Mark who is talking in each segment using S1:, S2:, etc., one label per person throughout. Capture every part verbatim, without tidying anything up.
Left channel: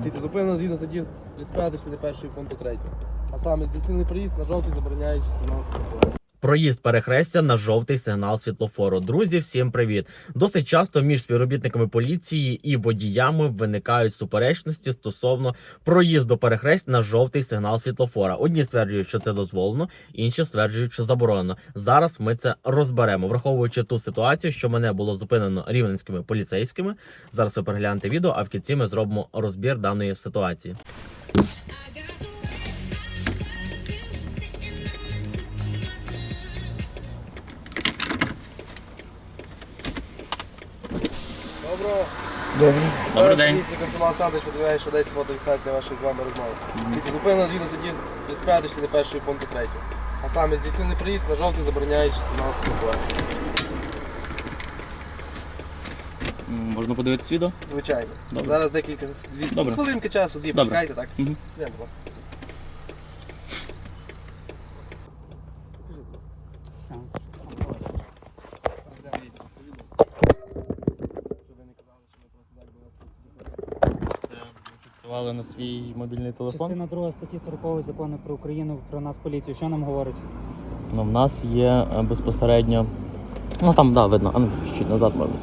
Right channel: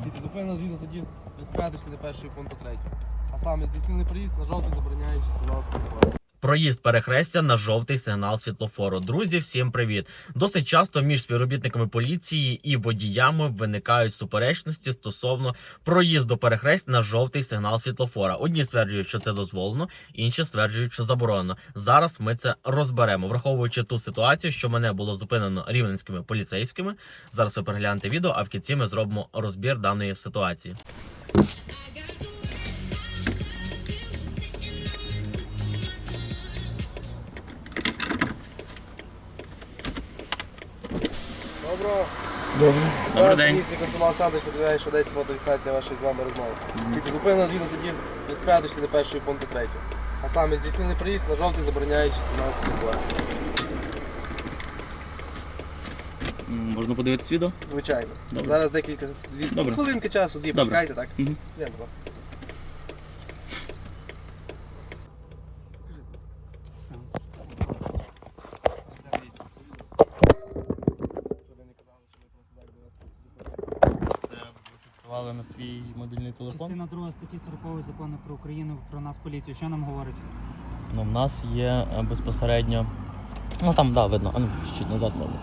S1: Дивіться, зупинено згідно статті тридцять п'ять частини першої пункту третього. А саме здійснений проїзд на жовтий забороняючи сигнал світлофора.
S2: Проїзд перехрестя на жовтий сигнал світлофору. Друзі, всім привіт! Досить часто між співробітниками поліції і водіями виникають суперечності стосовно проїзду перехресть на жовтий сигнал світлофора. Одні стверджують, що це дозволено, інші стверджують, що заборонено. Зараз ми це розберемо, враховуючи ту ситуацію, що мене було зупинено рівненськими поліцейськими. Зараз ви переглянете відео, а в кінці ми зробимо розбір даної ситуації.
S1: Доброго.
S2: Добре. Добрий день.
S1: Поліція Консумал Сандич виділяє, що дається фотофіксація вашої з вами розмови. Дивіться, зупинено згідно статті тридцять п'ять частини першої пункту третього. А саме здійснений проїзд на жовтий забороняючи сигнал світлофора.
S3: Можна подивитися відео?
S1: Звичайно.
S3: Добре.
S1: Зараз декілька дві,
S3: Добре.
S1: хвилинки часу, дві
S3: Добре.
S1: почекайте, так?
S3: Угу.
S1: Йдемо, будь ласка.
S3: Це ви фіксували на свій мобільний телефон?
S4: Частина друга статті сорокової закону про Україну про нас поліцію. Що нам говорить?
S3: Ну, в нас є е, безпосередньо. Ну там, да, видно. А ну, чуть назад можна.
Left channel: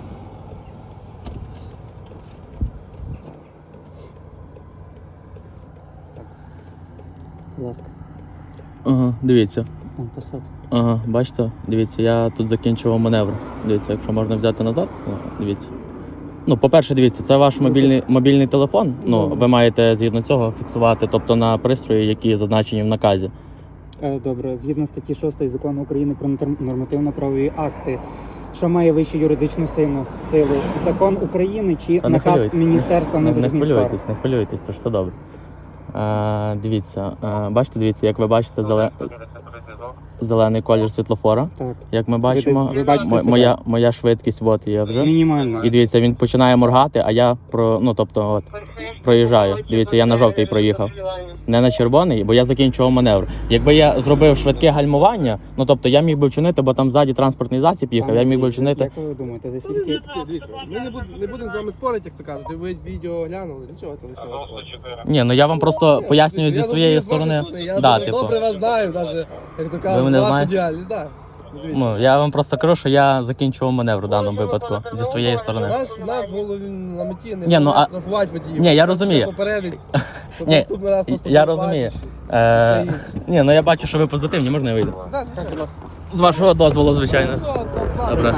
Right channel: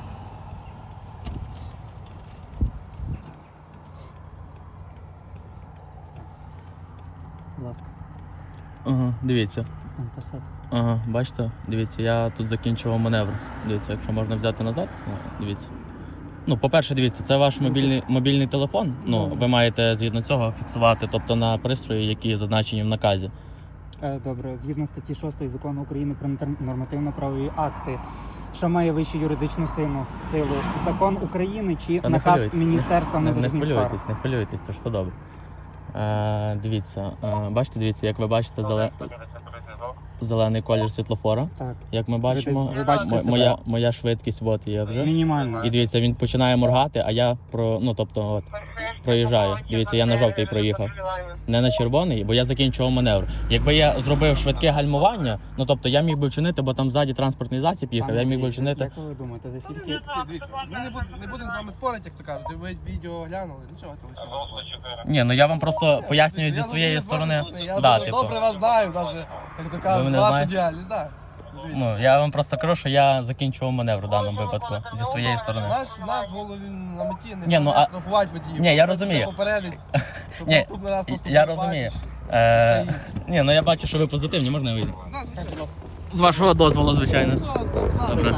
S4: Будь ласка.
S3: Ага, дивіться.
S4: Там писати.
S3: Ага, бачите? Дивіться, я тут закінчував маневр. Дивіться, якщо можна взяти назад, дивіться. Ну, по-перше, дивіться, це ваш мобільний, мобільний телефон. Ну,
S4: Добре.
S3: ви маєте згідно цього фіксувати, тобто на пристрої, які зазначені в наказі.
S4: Е, Добре, згідно статті шостої закону України про норм- нормативно-правові акти, що має вищу юридичну силу, силу закон України чи
S3: Та не
S4: наказ
S3: хвилюйтесь.
S4: Міністерства
S3: Не, не
S4: внутрішніх справ?
S3: хвилюйтесь, не хвилюйтесь, то ж все добре. Е, дивіться, е, бачите, дивіться, як ви бачите, зеле... зелений колір світлофора.
S4: Так,
S3: Як ми бачимо,
S4: ви бачите
S3: мо-
S4: себе?
S3: моя, моя швидкість от є вже.
S4: мінімально.
S3: І дивіться, він починає моргати, а я про, ну, тобто, от, проїжджаю. Дивіться, я на жовтий проїхав. Не на червоний, бо я закінчував маневр. Якби я зробив швидке гальмування, ну тобто я міг би вчинити, бо там ззаді транспортний засіб їхав, я міг би вчинити.
S4: Як ви думаєте, за
S1: Та ви
S4: скільки?
S1: такі, Дивіться, ми не будемо не будемо з вами спорити, як то кажуть. Ви відео глянули, нічого це лишнього спорити.
S3: Ні, ну я вам просто пояснюю зі
S1: Я
S3: своєї
S1: розумію,
S3: сторони.
S1: вашу Я
S3: Да,
S1: дуже
S3: типу.
S1: добре вас знаю, навіть, як то
S3: Ви
S1: кажуть,
S3: мене
S1: вашу
S3: знаєте?
S1: діяльність, так. Дивіться.
S3: Ну, я вам просто кажу, що я закінчував маневр у даному випадку зі своєї сторони.
S1: Наш, нас в голові на меті не
S3: Ні, ну,
S1: буде
S3: а-
S1: штрафувати водіїв.
S3: Ні, я
S1: Просто
S3: розумію.
S1: все попередить, щоб
S3: Ні,
S1: наступний раз поступити
S3: я розумію.
S1: правильніше.
S3: Е,
S1: Все інше.
S3: ні, ну я бачу, що ви позитивні, можна я вийду?
S1: Да, звичайно.
S3: З вашого дозволу, звичайно. Добре.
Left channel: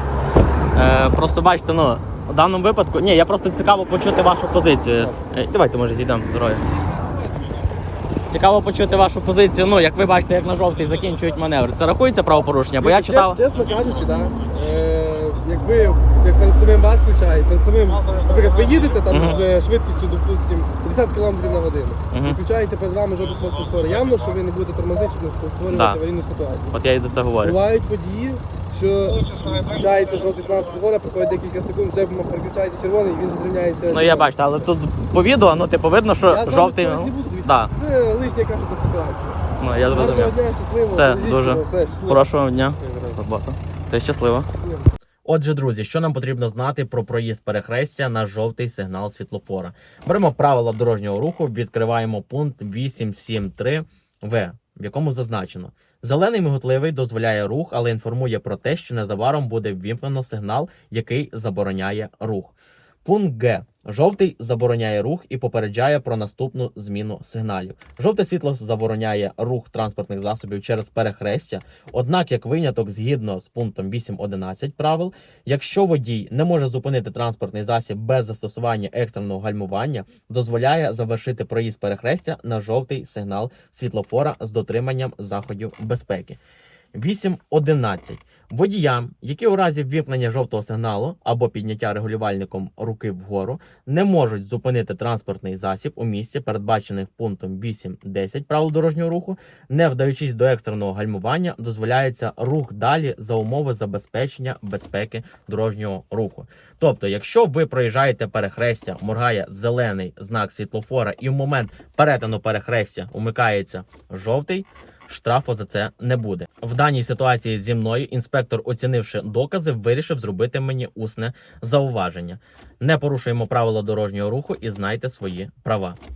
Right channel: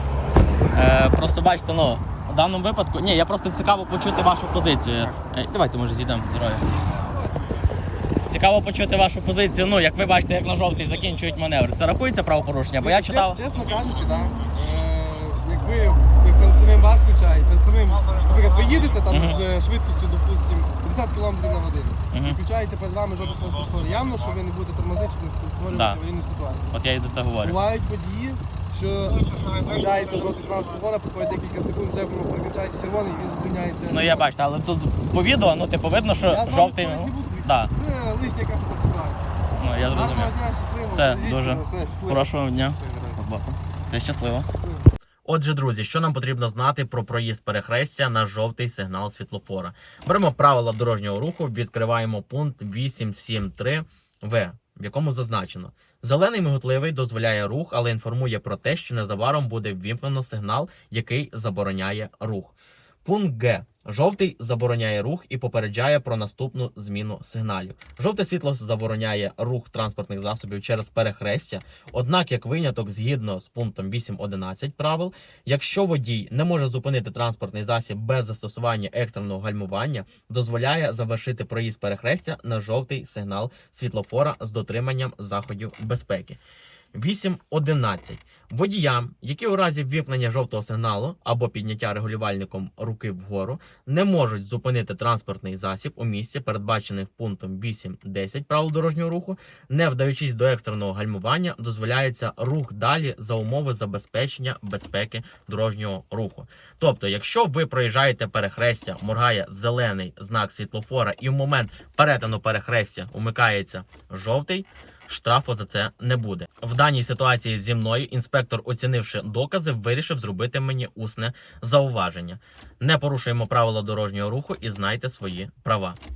S3: Е, просто бачите, ну, в даному випадку. Ні, я просто цікаво почути вашу позицію. Е, давайте, може, зійдемо здоров'я. Цікаво почути вашу позицію. Ну, як ви бачите, як на жовтий закінчують маневр. Це рахується правопорушення? Бо я
S1: Чесно-
S3: читав.
S1: Чесно кажучи, да, е, як ви як перед самим вас включають, перед самим, наприклад, ви їдете там
S3: Мгм.
S1: з швидкістю, допустимо, п'ятдесят кілометрів на годину.
S3: Мгм.
S1: І включається перед вами жовтий світлофор. Явно, що ви не будете тормозити, щоб не створювати
S3: Да.
S1: аварійну ситуацію.
S3: От я і за це говорю.
S1: Бувають водії, що включається жовтий сигнал світлофора, проходить декілька секунд, вже переключається червоний і він зрівняється.
S3: Ну я бачу, але тут по відео, ну типу видно, що
S1: Я з вами
S3: жовтий.
S1: спорити не
S3: Ну,
S1: буду, дивіться.
S3: да.
S1: Це лишня кажете ситуація.
S3: Ну я
S1: Гарного
S3: зрозумів.
S1: дня, щасливо.
S3: Все,
S1: бережіть
S3: дуже.
S1: себе, все, щасливо.
S3: Хорошого дня.
S1: Щасливо.
S3: Робота. Це щасливо.
S2: Отже, друзі, що нам потрібно знати про проїзд перехрестя на жовтий сигнал світлофора? Беремо правила дорожнього руху, відкриваємо пункт вісім сім три В, в якому зазначено: зелений миготливий дозволяє рух, але інформує про те, що незабаром буде ввімкнено сигнал, який забороняє рух. Пункт Г. Жовтий забороняє рух і попереджає про наступну зміну сигналів. Жовте світло забороняє рух транспортних засобів через перехрестя, однак, як виняток, згідно з пунктом вісім одинадцять правил, якщо водій не може зупинити транспортний засіб без застосування екстреного гальмування, дозволяє завершити проїзд перехрестя на жовтий сигнал світлофора з дотриманням заходів безпеки. вісім одинадцять. Водіям, які у разі ввімкнення жовтого сигналу або підняття регулювальником руки вгору не можуть зупинити транспортний засіб у місці, передбачених пунктом вісім десять правил дорожнього руху, не вдаючись до екстреного гальмування, дозволяється рух далі за умови забезпечення безпеки дорожнього руху. Тобто, якщо ви проїжджаєте перехрестя, моргає зелений знак світлофора і в момент перетину перехрестя умикається жовтий, штрафу за це не буде. В даній ситуації зі мною інспектор, оцінивши докази, вирішив зробити мені усне зауваження. Не порушуємо правила дорожнього руху і знайте свої права.